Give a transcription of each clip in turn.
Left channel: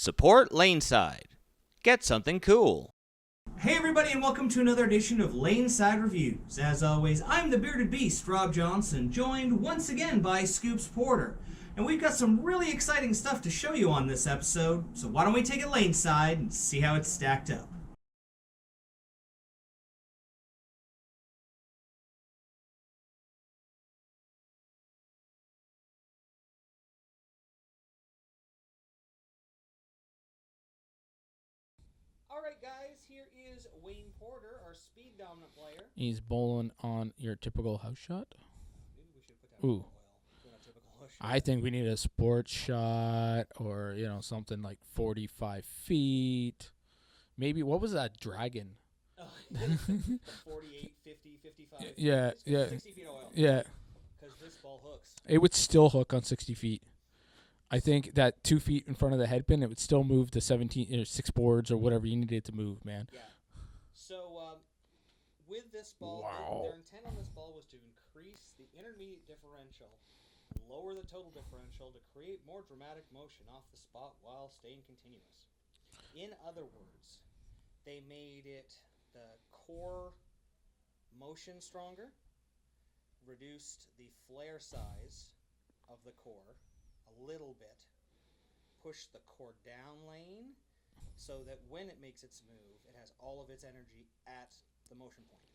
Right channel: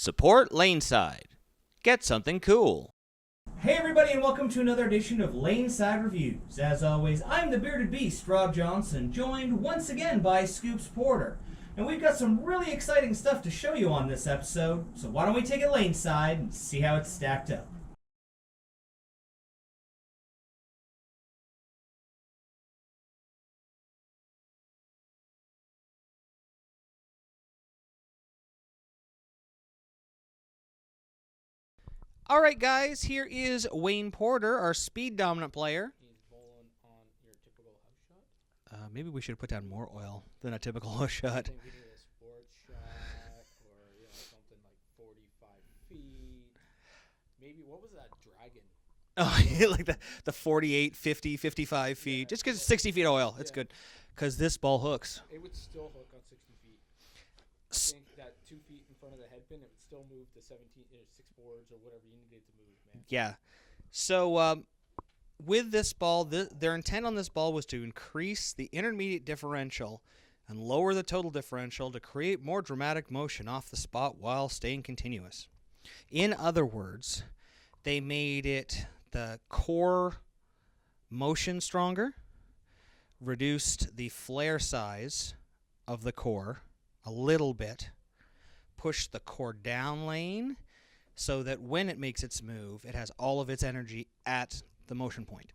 Support Laneside. Get something cool. Hey everybody, and welcome to another edition of Laneside Reviews. As always, I'm the bearded beast, Rob Johnson, joined once again by Scoops Porter. And we've got some really exciting stuff to show you on this episode, so why don't we take it Laneside and see how it's stacked up. All right, guys, here is Wayne Porter, our speed dominant player. He's bowling on your typical house shot. Maybe we should have put down Ooh. more oil than a typical house shot. I think we need a sports shot or, something like 45 feet. Maybe, what was that dragon? Oh, like the 48, 50, 55 feet. Yeah, Just because yeah. 60 feet oil. That's Yeah. good. Because this ball hooks. It would still hook on 60 feet. I think that 2 feet in front of the headpin, it would still move the 6 boards or whatever you needed to move, man. Yeah. So with this ball, Wow. their intent on this ball was to increase the intermediate differential and lower the total differential to create more dramatic motion off the spot while staying continuous. In other words, they made it the core motion stronger, reduced the flare size of the core a little bit, pushed the core down lane so that when it makes its move, it has all of its energy at the motion point.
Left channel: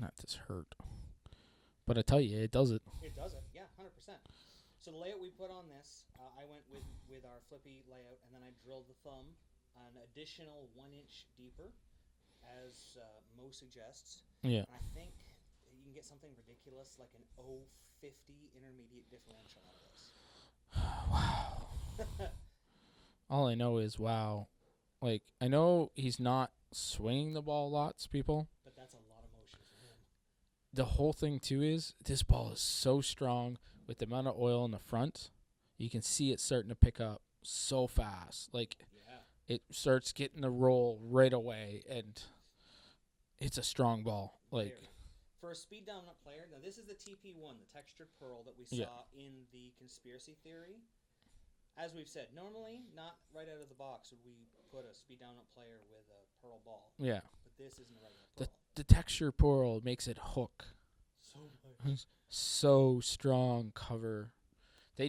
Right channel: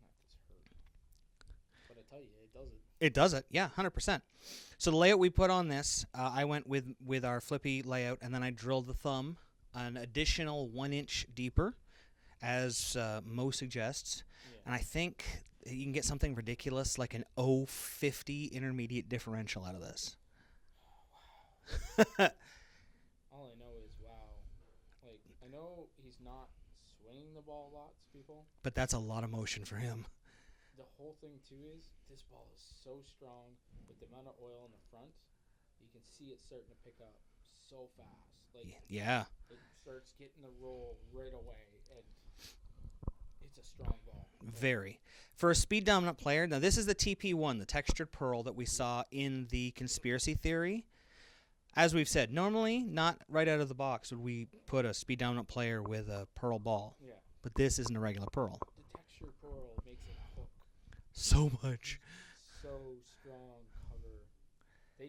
Not this hurt. But I tell you, it does it. It does it, yeah, 100%. So the layout we put on this, I went with our flippy layout, and then I drilled the thumb an additional 1 inch deeper, as Mo suggests. Yeah. And I think you can get something ridiculous like an 0.50 intermediate differential out of this. Wow. All I know is, wow. Like, I know he's not swinging the ball lots, people. But that's a lot of motion for him. The whole thing, too, is this ball is so strong with the amount of oil in the front. You can see it starting to pick up so fast. Like, Yeah. it starts getting the roll right away, and it's a strong ball. Like, Very. For a speed dominant player, now this is the TP1, the textured pearl that we saw in the conspiracy theory. As we've said, normally, not right out of the box would we put a speed dominant player with a pearl ball. Yeah. But this isn't a regular pearl. The texture pearl makes it hook. So much. So strong cover. They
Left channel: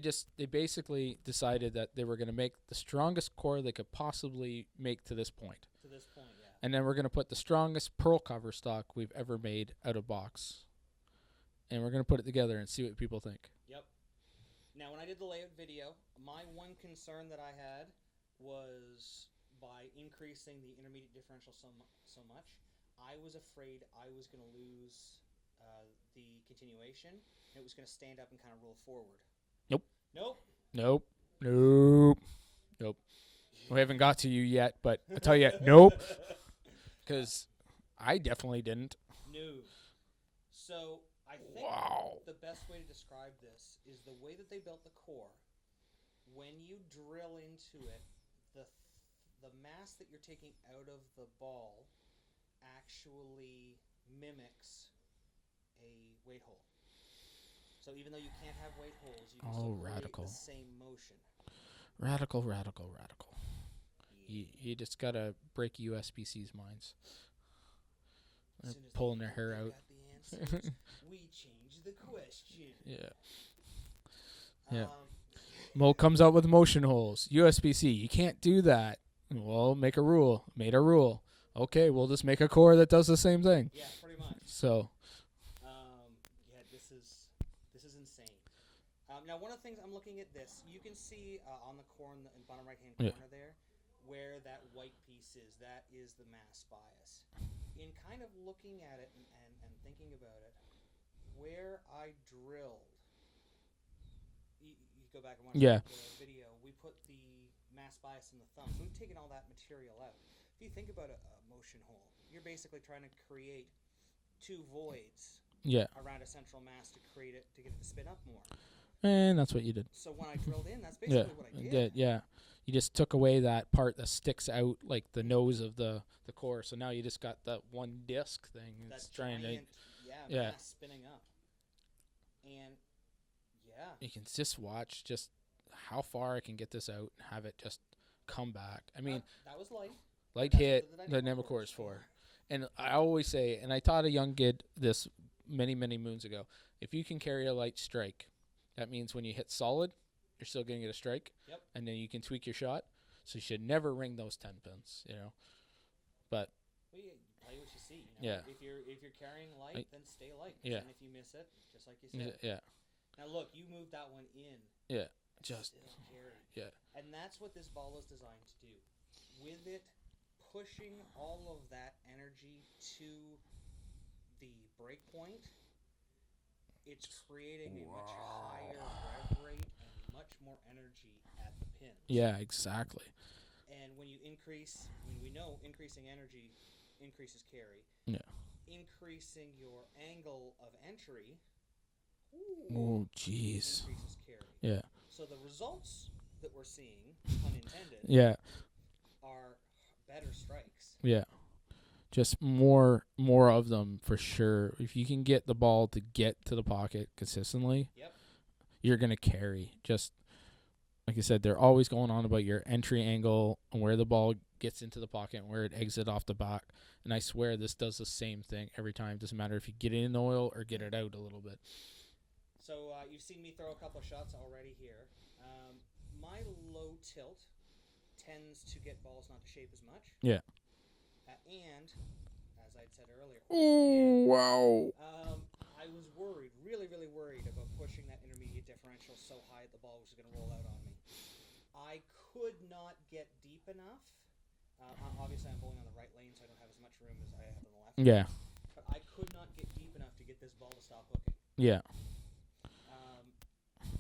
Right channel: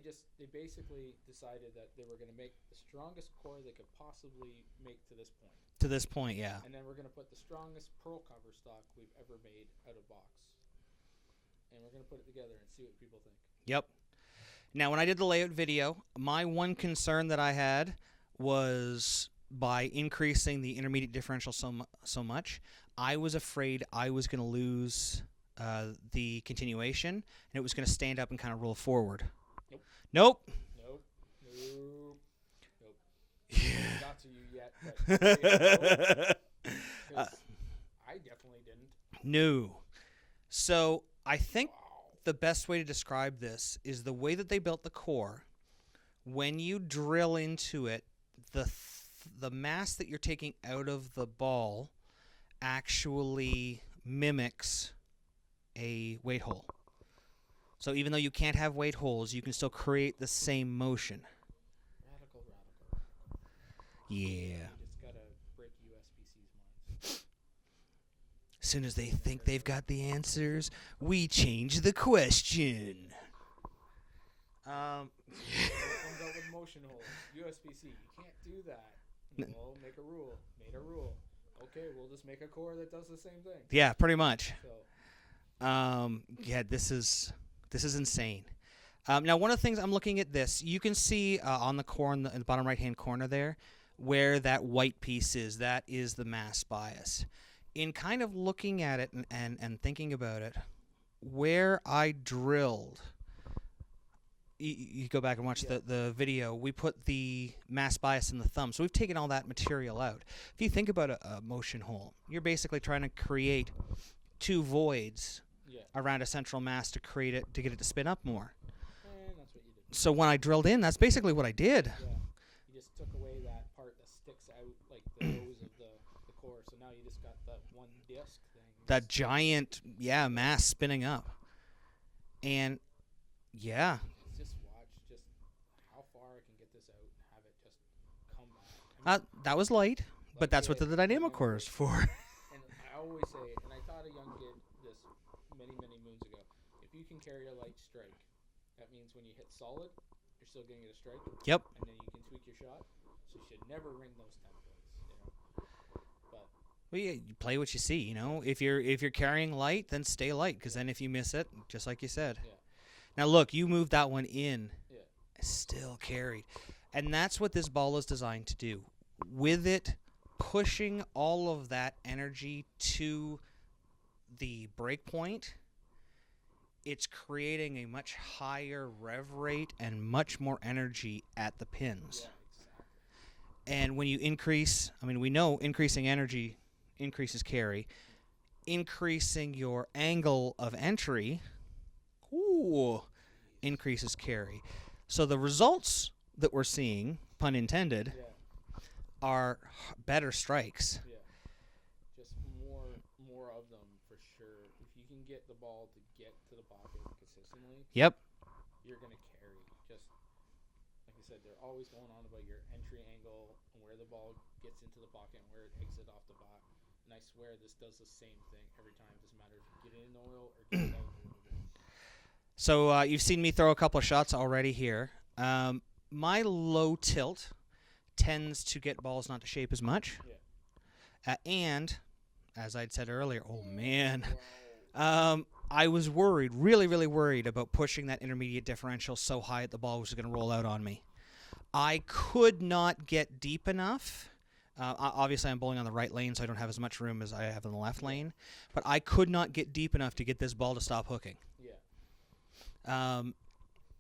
basically decided that they were going to make the strongest core they could possibly make to this point. To this point, yeah. And then we're going to put the strongest pearl cover stock we've ever made out of box. And we're going to put it together and see what people think. Yep. Now, when I did the layout video, my one concern that I had was by increasing the intermediate differential so much, I was afraid I was going to lose the continuation, and it was going to stand up and kind of roll forward. Nope. Nope. Nope. Nope. Nope. We haven't got to you yet, but I'll tell you, nope. Because I definitely didn't. No. So I think Wow. the best way to describe this is the way that they built the core. When you drill into it, the mass that you're taking out of the ball actually mimics a weight hole. So even though you can't have weight holes, you can still create radical. the same motion. Radical. Yeah. You just got to break USBC's minds. As soon as they Pulling their think hair they've out. got the answers, we change the question. Yeah. Mo comes out with motion holes. USBC, you can't do that. Well, make a rule. Made a rule. Okay, we'll just make a core that does the same thing. Yeah, pretty much. So, Yeah, this is insane. Now, one of the things I'm looking at this, you can see on the core in the bottom right-hand corner there, where that white piece is. That is the mass bias. In kind of looking at it and thinking about it, where I drilled, you go back and watch the video, we put the mass bias in the thumb. So we've taken all that material out. If you think about a motion hole, you're basically trying to create two voids around a central mass to create it, to get it to spin up more. and that's what you did. So when I drilled in, that's basically what I did. Yeah. You just took away that part that sticks out like the nose of the core. So now you just got that one disc thing. That that's down there. giant, mass spinning up. And, yeah. You can just watch just how far I can get this out and have it just comeback. I mean, that was light, like but that's what hit, the dynamic core is for. And I always say, and I taught a young kid this many, many moons ago, if you can carry a light strike, that means when you hit solid, you're still going to get a strike. Yep. And then you can tweak your shot. So you should never ring those 10 pins, you know. But well, yeah, you play what you see, you know. Yeah. If you're carrying light, then stay light, because then if you miss it, just like you said. Yeah. Now look, you moved that one in. Yeah. Still carried. Yeah. And that's what this ball is designed to do. With it pushing all of that energy to the break point, it's creating a much higher rev rate and much more energy at the pins. Yeah, exactly. And when you increase, I mean, we know increasing energy increases carry. Yeah. Increasing your angle of entry, jeez, increases carry. Yeah. So the results that we're seeing, pun intended, Yeah. are better strikes. Yeah. Just more of them for sure. If you can get the ball to get to the pocket consistently, Yep. you're going to carry. Just like I said, they're always going on about your entry angle and where the ball gets into the pocket and where it exits off the back. And I swear this does the same thing every time. Doesn't matter if you get it in the oil or get it out a little bit. So you've seen me throw a couple of shots already here. My low tilt tends to get balls not to shape as much. Yeah. And, as I'd said earlier, man. Wow. I was worried, really, really worried about pushing that intermediate differential so high that the ball was going to roll out on me. I could not get deep enough. Obviously, I'm bowling on the right lane, so I don't have as much room as I have in the left lane. But I could not get deep enough to get this ball to stop hooking. Yeah.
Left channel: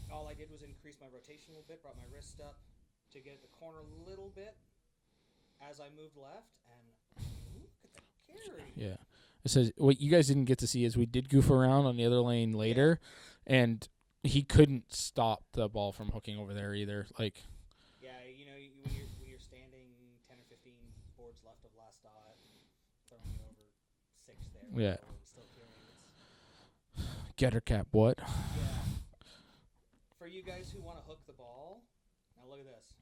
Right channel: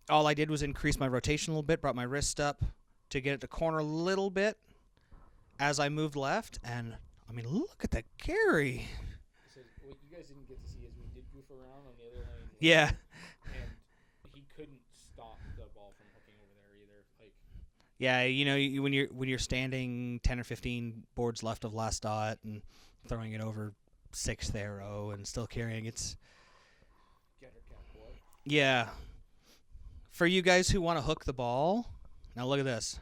All I did was increase my rotation a little bit, brought my wrist up to get it to corner a little bit as I moved left. And, I mean, look at the carry. Yeah. It says what you guys didn't get to see is we did goof around on the other lane later, and he couldn't stop the ball from hooking over there either. Like, yeah, you know, when you're standing 10 or 15 boards left of last dot and throwing it over 6th arrow and still carrying, it's getter cap. What? Yeah. For you guys who want to hook the ball, now look at this.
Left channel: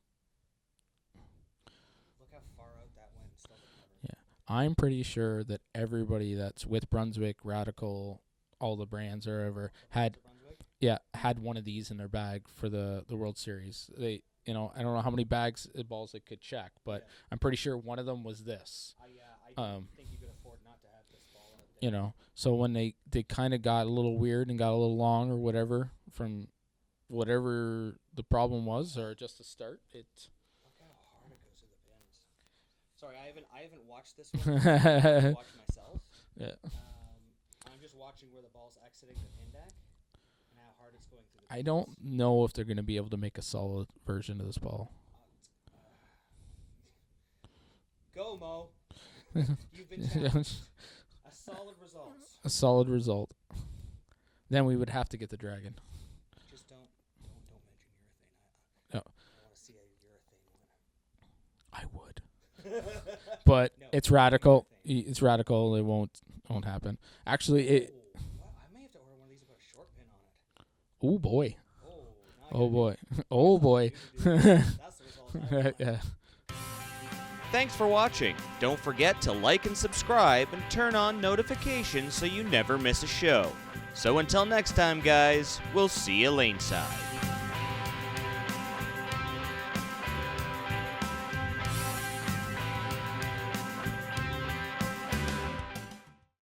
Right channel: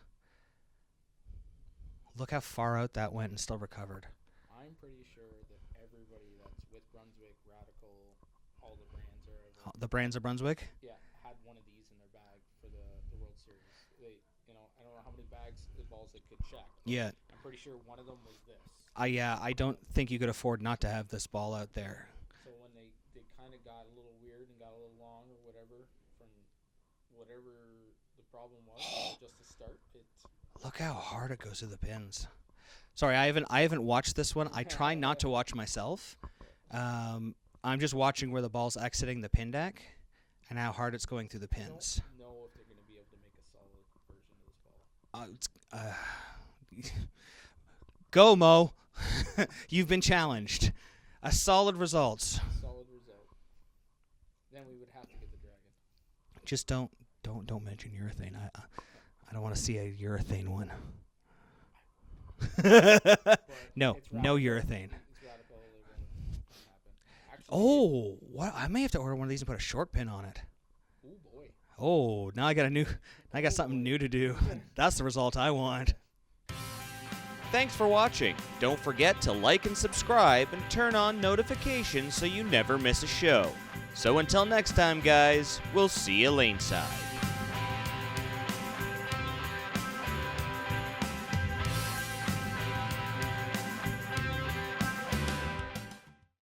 Look how far out that went and still recovered. Yeah. I'm pretty sure that everybody that's with Brunswick, Radical, all the brands or ever. The brands of Brunswick? Yeah, had one of these in their bag for the World Series. They, you know, I don't know how many bags of balls they could check, but I'm pretty sure one of them was this. I don't think you could afford not to have this ball out there. You know, so when they kind of got a little weird and got a little long or whatever from whatever the problem was or just to start, look how hard it goes to the pins. Sorry, I haven't watched this one. I try not to watch myself. Yeah. I'm just watching where the ball's exiting the pin deck and how hard it's going through the pins. I don't know if they're going to be able to make a solid version of this ball. Go, Mo. You've been challenged. A solid result. A solid result. Then we would have to get the dragon. Just don't mention urethane. No. I don't want to see a urethane one. I would. But no, it's radical. No urethane. It's radical. It won't happen. Actually, what? I may have to order one of these and put a short pin on it. Oh boy. Oh, now I got I got something boy. new to do. That's the result I want. Thanks for watching. Don't forget to like and subscribe and turn on notifications so you never miss a show. So until next time, guys, we'll see you laneside.